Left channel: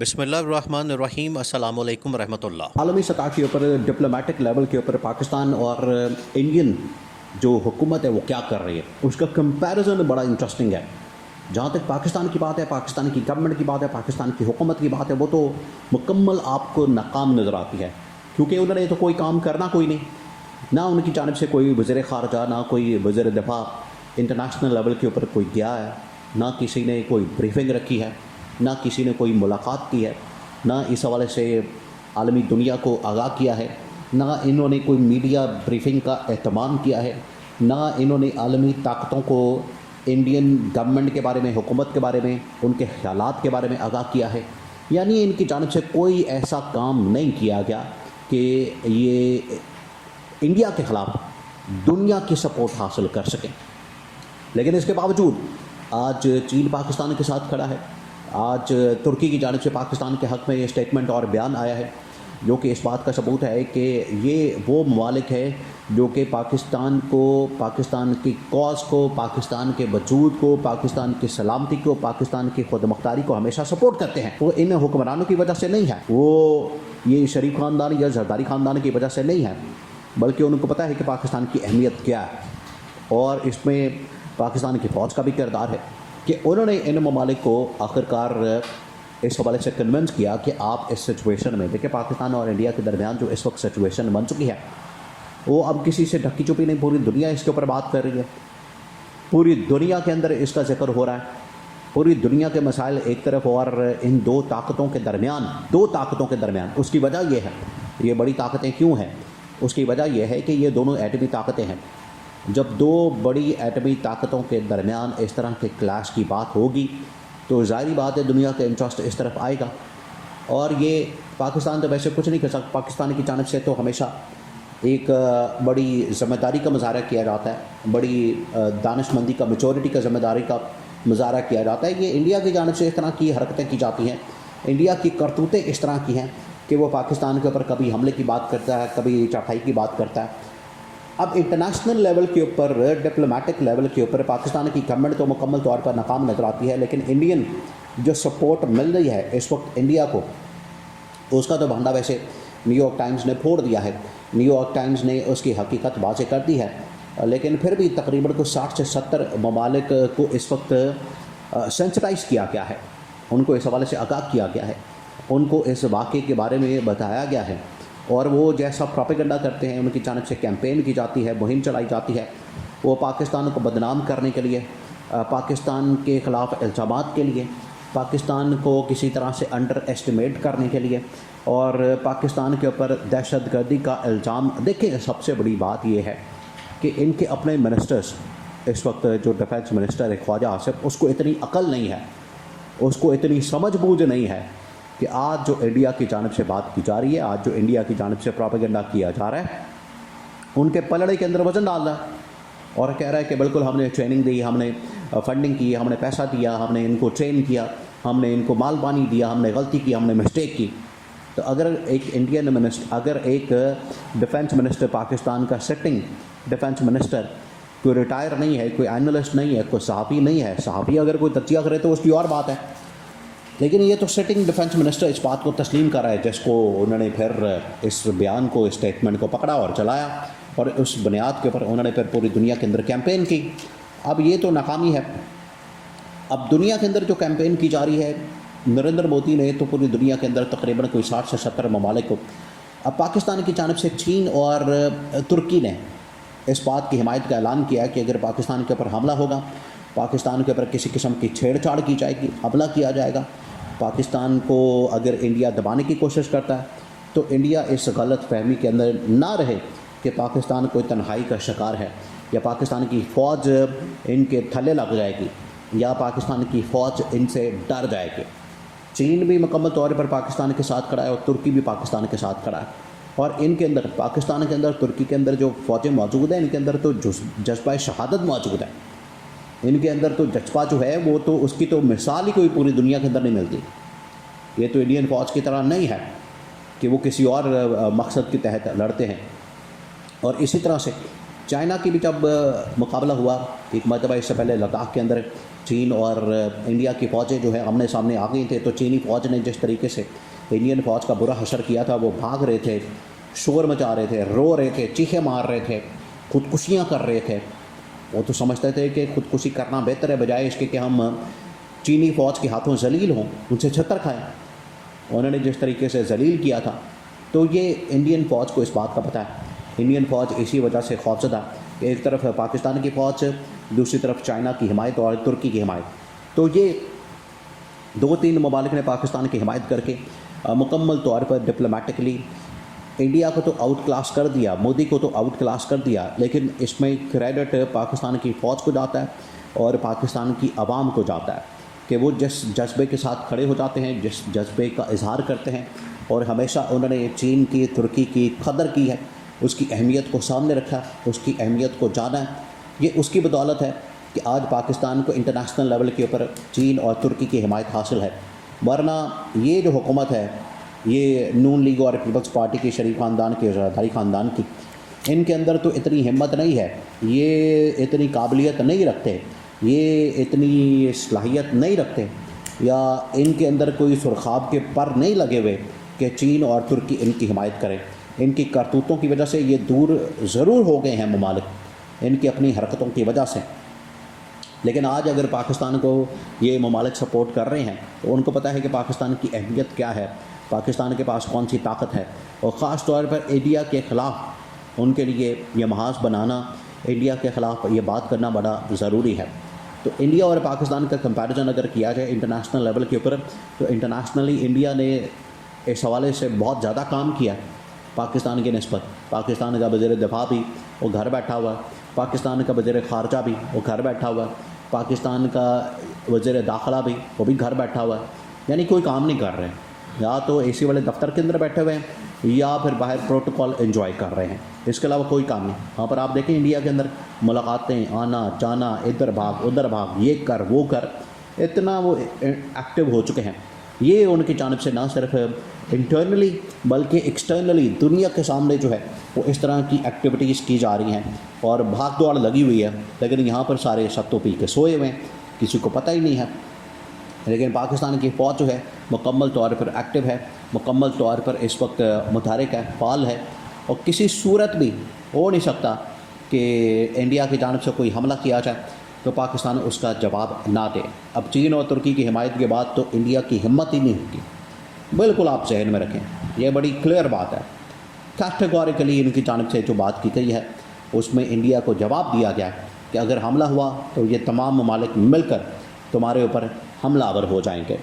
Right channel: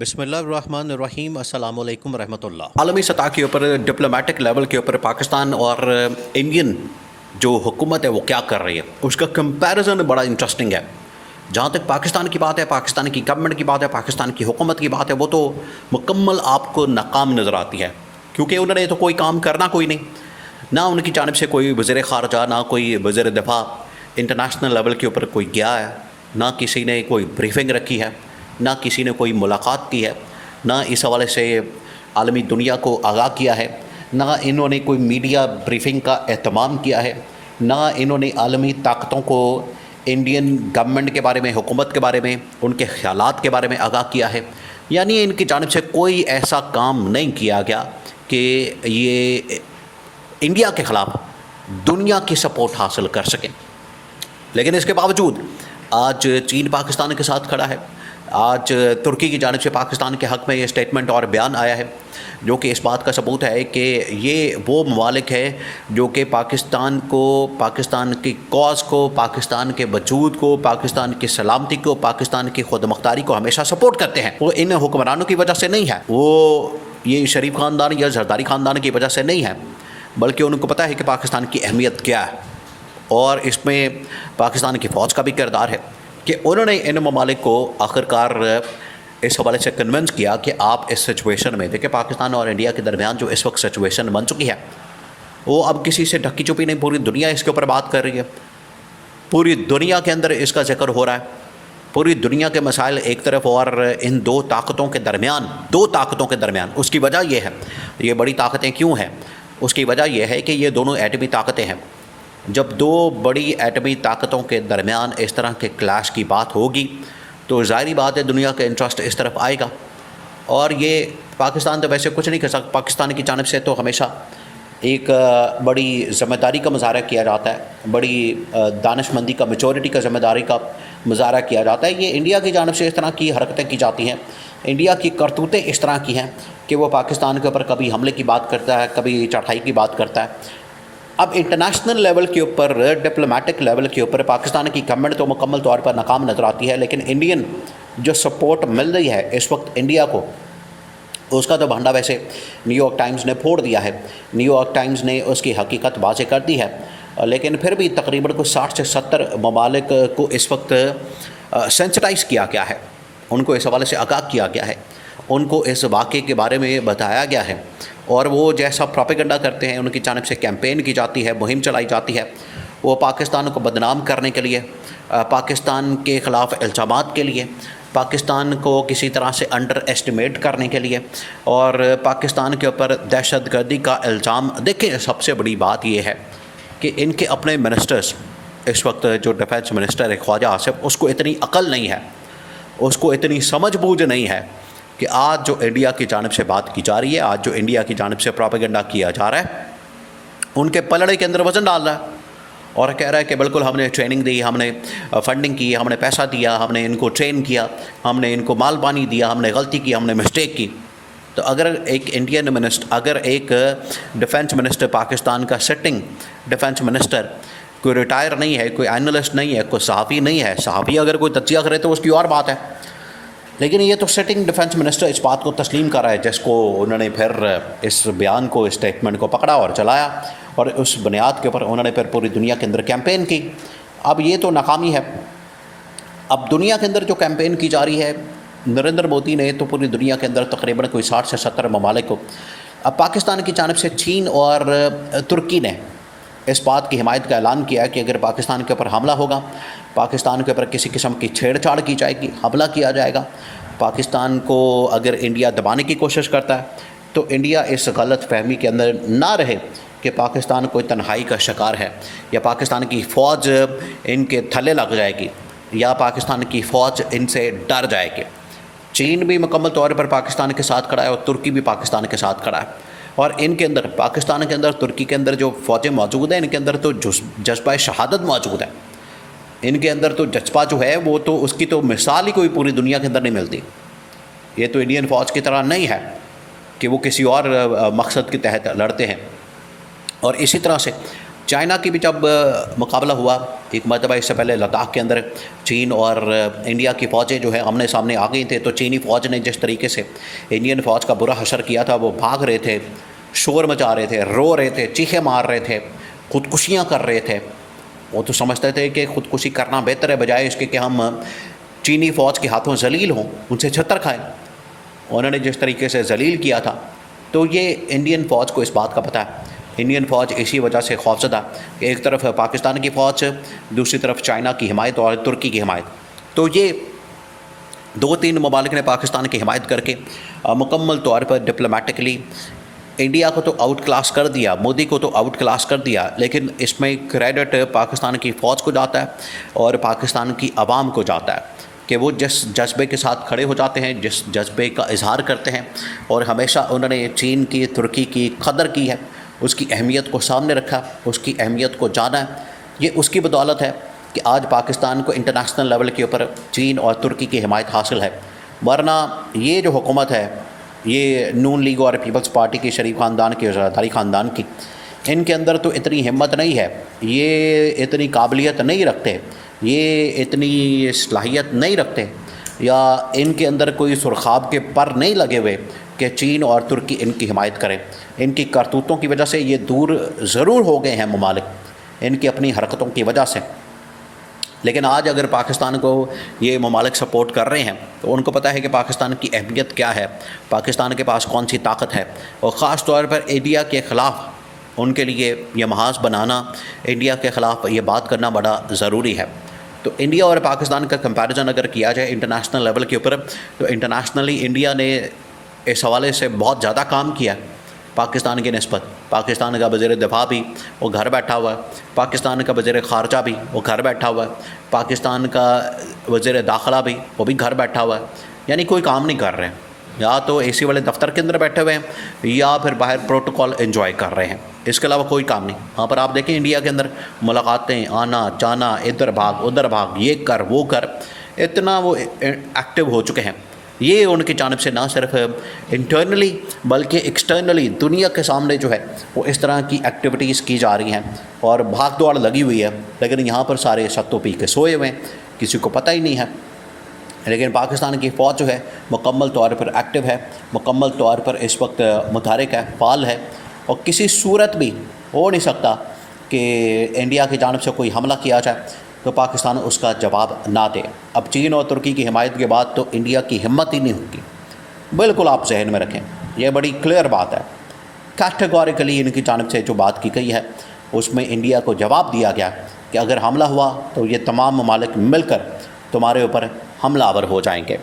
بسم اللہ الرحمن الرحیم، السلام علیکم ورحمۃ اللہ۔ عالمی سطح کے اوپر ڈپلومیٹک لیول کے اوپر پاکستان اور انڈین جو حکومت ہے وہ کیا کر رہی ہے، اس کا کمپیریزن بڑا انٹرسٹنگ ہے۔ جہاں تک پاکستان کی بات ہے، پاکستان کی گورنمنٹ کی بات ہے، پاکستان کی حکومت کی بات ہے، وہ تو مکمل آپ کو ناکام نظر آتی ہے، کیونکہ انہوں نے تو کوئی کام کرنا کوئی نہیں، نہ ان کی جانب سے کوئی وزیر خارجہ، نہ کوئی وزیر دفاع انٹرنیشنل لیول کے اوپر کوئی گیا ہے، نہ کسی نے کوئی بریفنگ رکھی ہے، نہ کسی نے کوئی ملاقات کی ہے، نہ اس حوالے سے عالمی دنیا کو آگاہ کیا ہے، نہ انہوں نے کوئی میڈیا بریفنگ کا اہتمام کیا ہے، نہ انہوں نے عالمی طاقتوں کو انڈین گورنمنٹ کے بارے میں، حکومت کے بارے میں، ان کے خیالات کے بارے میں آگاہ کیا ہے۔ یعنی ان کی جانب سے کوئی ایسا کام نہیں کیا گیا کہ یہ انڈیا کے خلاف دنیا کی سپورٹ حاصل کر سکیں۔ لیکن اس کے باوجود آج چین پاکستان کے ساتھ کھڑا ہے، آج ترکی کی جانب سے پاکستان کے حق میں یہ اسٹیٹمنٹ اور بیان آیا ہے، جو کہ اس بات کا ثبوت ہے کہ یہ وہ ممالک ہے جو کہ پاکستان کو، پاکستان کی کاز کو، پاکستان کے وجود کو، پاکستان کی سلامتی کو، پاکستان کی خود مختاری کو ہمیشہ سپورٹ کرتے ہیں۔ وہ ان حکمرانوں کی وجہ سے نہیں ہے، وہ یہ شریف خاندان یا زرداری خاندان کی وجہ سے نہیں ہے، بلکہ ان کو پتہ ہے کہ پاکستان کی اہمیت کیا ہے، اور اس میں پاکستان کی فوج کا بھی کردار ہے کہ انہوں نے ان ممالک کو آخرکار اس حوالے سے کنونس کیا کہ آپ اس سچویشن میں دیکھیں، پاکستان اور انڈیا کے درمیان جو اس وقت سچویشن بن چکی ہے، وہ اب کسی سے ڈھکی چھپی نہیں، پوری دنیا اس کے اوپر بات کر رہی ہے، پوری دنیا کے اندر اس کا ذکر ہو رہا ہے، پوری دنیا کے مسائل ایک طرف، اور ان دو طاقتوں کے درمیان اس کی وجہ یہ ہے، یہ بڑی طاقتیں کیوں ہیں، اس کی وجہ یہ ہے کہ یہ دونوں ایٹمی طاقتیں ہیں۔ جب دو بڑی ایٹمی طاقتوں کے درمیان اس طرح کے کلیش کی بات ہوگی تو ظاہری بات ہے دنیا کا انٹرسٹ اس طرف آئے گا، اور یہ پاکستان تو ویسے کچھ نہیں کر سکتا۔ پاکستان کی جانب سے تو ہمیشہ ایک بڑی ذمہ داری کا مظاہرہ کیا جاتا ہے، بڑی دانش مندی کا، میچورٹی کا ذمہ داری کا مظاہرہ کیا جاتا ہے۔ یہ انڈیا کی جانب سے اس طرح کی حرکتیں کی جاتی ہیں، انڈیا کی کرتوتیں اس طرح کی ہیں کہ وہ پاکستان کے اوپر کبھی حملے کی بات کرتا ہے، کبھی چڑھائی کی بات کرتا ہے۔ اب انٹرنیشنل لیول کے اوپر، ڈپلومیٹک لیول کے اوپر پاکستان کی گورنمنٹ تو مکمل طور پر ناکام نظر آتی ہے، لیکن انڈین جو سپورٹ مل رہی ہے اس وقت انڈیا کو، اس کا تو بھنڈا ویسے نیو یارک ٹائمز نے پھوڑ دیا ہے، نیو یارک ٹائمز نے اس کی حقیقت واضح کر دی ہے، لیکن پھر بھی تقریباً 60 سے 70 ممالک کو اس وقت سینسٹائز کیا گیا ہے، ان کو اس حوالے سے آگاہ کیا گیا ہے، ان کو اس واقعے کے بارے میں بتایا گیا ہے، اور وہ جیسا پروپیگنڈا کرتے ہیں، ان کی جانب سے کیمپین کی جاتی ہے، مہم چلائی جاتی ہے، وہ پاکستان کو بدنام کرنے کے لیے، پاکستان کے خلاف الزامات کے لیے، پاکستان کو کسی طرح سے انڈر ایسٹیمیٹ کرنے کے لیے، اور پاکستان کے اوپر دہشت گردی کا الزام۔ دیکھیں، سب سے بڑی بات یہ ہے کہ ان کے اپنے منسٹرز، اس وقت جو ڈیفینس منسٹر ہے خواجہ آصف، اس کو اتنی عقل نہیں ہے، اس کو اتنی سمجھ بوجھ نہیں ہے کہ آج جو انڈیا کی جانب سے بات کی جا رہی ہے، آج جو انڈیا کی جانب سے پروپیگنڈا کیا جا رہا ہے، ان کے پلڑے کے اندر وزن ڈال رہا ہے، اور کہہ رہا ہے کہ بالکل ہم نے ٹریننگ دی، ہم نے فنڈنگ کی، ہم نے پیسہ دیا، ہم نے ان کو ٹرین کیا، ہم نے ان کو مال پانی دیا، ہم نے غلطی کی، ہم نے مسٹیک کی۔ تو اگر ایک انڈین منسٹر، اگر ایک ڈیفینس منسٹر، پاکستان کا سٹنگ ڈیفینس منسٹر، کوئی ریٹائر نہیں ہے، کوئی اینالسٹ نہیں ہے، کوئی صحافی نہیں ہے، صحافی اگر کوئی تجزیہ کرے تو اس کی اور بات ہے، لیکن یہ تو سٹنگ ڈیفینس منسٹر اس بات کو تسلیم کر رہا ہے، جس کو انہوں نے پھر اس بیان کو، اسٹیٹمنٹ کو پکڑا اور چلایا، اور اس بنیاد کے اوپر انہوں نے پھر پوری دنیا کے اندر کیمپین کی۔ اب یہ تو ناکامی ہے، اب دنیا کے اندر جو کیمپین کی جا رہی ہے، نریندر مودی نے تو پوری دنیا کے اندر تقریباً کوئی 60 سے 70 ممالک کو، اب پاکستان کی جانب سے چین اور ترکی نے اس بات کی حمایت کا اعلان کیا ہے کہ اگر پاکستان کے اوپر حملہ ہوگا، پاکستان کے اوپر کسی قسم کی چھیڑ چھاڑ کی جائے گی، حملہ کیا جائے گا، پاکستان کو اگر انڈیا دبانے کی کوشش کرتا ہے تو انڈیا اس غلط فہمی کے اندر نہ رہے کہ پاکستان کوئی تنہائی کا شکار ہے، یا پاکستان کی فوج ان کے تھلے لگ جائے گی، یا پاکستان کی فوج ان سے ڈر جائے گی۔ چین بھی مکمل طور پر پاکستان کے ساتھ کھڑا ہے، اور ترکی بھی پاکستان کے ساتھ کھڑا ہے، اور ان کے اندر، پاکستان کے اندر، ترکی کے اندر جو فوجیں موجود ہیں، ان کے اندر تو جذبہ شہادت موجود ہے، ان کے اندر تو جذبہ جو ہے وہ تو اس کی تو مثال ہی کوئی پوری دنیا کے اندر نہیں ملتی۔ یہ تو انڈین فوج کی طرح نہیں ہے کہ وہ کسی اور مقصد کے تحت لڑتے ہیں۔ اور اسی طرح سے چائنا کی بھی جب مقابلہ ہوا ایک مرتبہ، اس سے پہلے لداخ کے اندر چین اور انڈیا کی فوجیں جو ہے آمنے سامنے آ گئی تھے، تو چینی فوج نے جس طریقے سے انڈین فوج کا برا حشر کیا تھا، وہ بھاگ رہے تھے، شور مچا رہے تھے، رو رہے تھے، چیخیں مار رہے تھے، خودکشیاں کر رہے تھے. وہ تو سمجھتے تھے کہ خودکشی کرنا بہتر ہے بجائے اس کے کہ ہم چینی فوج کے ہاتھوں ذلیل ہوں، ان سے چھتر کھائیں. انہوں نے جس طریقے سے ذلیل کیا تھا، تو یہ انڈین فوج کو اس بات کا پتہ ہے. انڈین فوج اسی وجہ سے خوفزدہ کہ ایک طرف پاکستان کی فوج، دوسری طرف چائنا کی حمایت اور ترکی کی حمایت. تو یہ 2-3 ممالک نے پاکستان کی حمایت کر کے مکمل طور پر ڈپلومیٹکلی انڈیا کو تو آؤٹ کلاس کر دیا، مودی کو تو آؤٹ کلاس کر دیا، لیکن اس میں کریڈٹ پاکستان کی فوج کو جاتا ہے اور پاکستان کی عوام کو جاتا ہے کہ وہ جس جذبے کے ساتھ کھڑے ہو جاتے ہیں، جس جذبے کا اظہار کرتے ہیں، اور ہمیشہ انہوں نے چین کی، ترکی کی قدر کی ہے، اس کی اہمیت کو سامنے رکھا، اس کی اہمیت کو جانا ہے. یہ اس کی بدولت ہے کہ آج پاکستان کو انٹرنیشنل لیول کے اوپر چین اور ترکی کی حمایت حاصل ہے. ورنہ یہ جو حکومت ہے، یہ نون لیگ اور پیپلز پارٹی کے شریف خاندان کے، زرداری خاندان کی، ان کے اندر تو اتنی ہمت نہیں ہے، یہ اتنی قابلیت نہیں رکھتے، یہ اتنی صلاحیت نہیں رکھتے، یا ان کے اندر کوئی سرخاب کے پر نہیں لگے ہوئے کہ چین اور ترکی ان کی حمایت کریں. ان کی کرتوتوں کی وجہ سے یہ دور ضرور ہو گئے ہیں ممالک، ان کی اپنی حرکتوں کی وجہ سے. لیکن آج اگر پاکستان کو یہ ممالک سپورٹ کر رہے ہیں تو ان کو پتہ ہے کہ پاکستان کی اہمیت کیا ہے، پاکستان کے پاس کون سی طاقت ہے، اور خاص طور پر انڈیا کے خلاف ان کے لیے یہ محاذ بنانا، انڈیا کے خلاف یہ بات کرنا بڑا ضروری ہے. تو انڈیا اور پاکستان کا کمپیریزن اگر کیا جائے انٹرنیشنل لیول کے اوپر، تو انٹرنیشنلی انڈیا نے اس حوالے سے بہت زیادہ کام کیا پاکستان کی نسبت. پاکستان کا وزیر دفاع بھی وہ گھر بیٹھا ہوا ہے، پاکستان کا وزیر خارجہ بھی وہ گھر بیٹھا ہوا ہے، پاکستان کا وزیر داخلہ بھی وہ بھی گھر بیٹھا ہوا ہے. یعنی کوئی کام نہیں کر رہے ہیں، یا تو اے سی والے دفتر کے اندر بیٹھے ہوئے ہیں یا پھر باہر پروٹوکول انجوائے کر رہے ہیں. اس کے علاوہ کوئی کام نہیں. وہاں پر آپ دیکھیں انڈیا کے اندر ملاقاتیں، آنا جانا، ادھر بھاگ ادھر بھاگ، یہ کر وہ کر، اتنا وہ ایکٹیو ہو چکے ہیں. یہ ان کی جانب سے نہ صرف انٹرنلی بلکہ ایکسٹرنلی دنیا کے سامنے جو ہے وہ اس طرح کی ایکٹیویٹیز کی جا رہی ہیں اور بھاگ دوڑ لگی ہوئی ہے. لیکن یہاں پر سارے ستو پی کے سوئے ہوئے ہیں، کسی کو پتہ ہی نہیں ہے. لیکن پاکستان کی فوج جو ہے مکمل طور پر ایکٹیو ہے، مکمل طور پر اس وقت متحرک ہے، فعال ہے، اور کسی صورت بھی ہو نہیں سکتا کہ انڈیا کی جانب سے کوئی حملہ کیا جائے تو پاکستان اس کا جواب نہ دے. اب چین اور ترکی کی حمایت کے بعد تو انڈیا کی ہمت ہی نہیں ہوگی. بالکل آپ ذہن میں رکھیں، یہ بڑی کلیئر بات ہے. کیٹیگوریکلی ان کی جانب سے جو بات کی گئی ہے اس میں انڈیا کو جواب دیا گیا کہ اگر حملہ ہوا تو یہ تمام ممالک مل کر تمہارے اوپر حملہ آور ہو جائیں گے.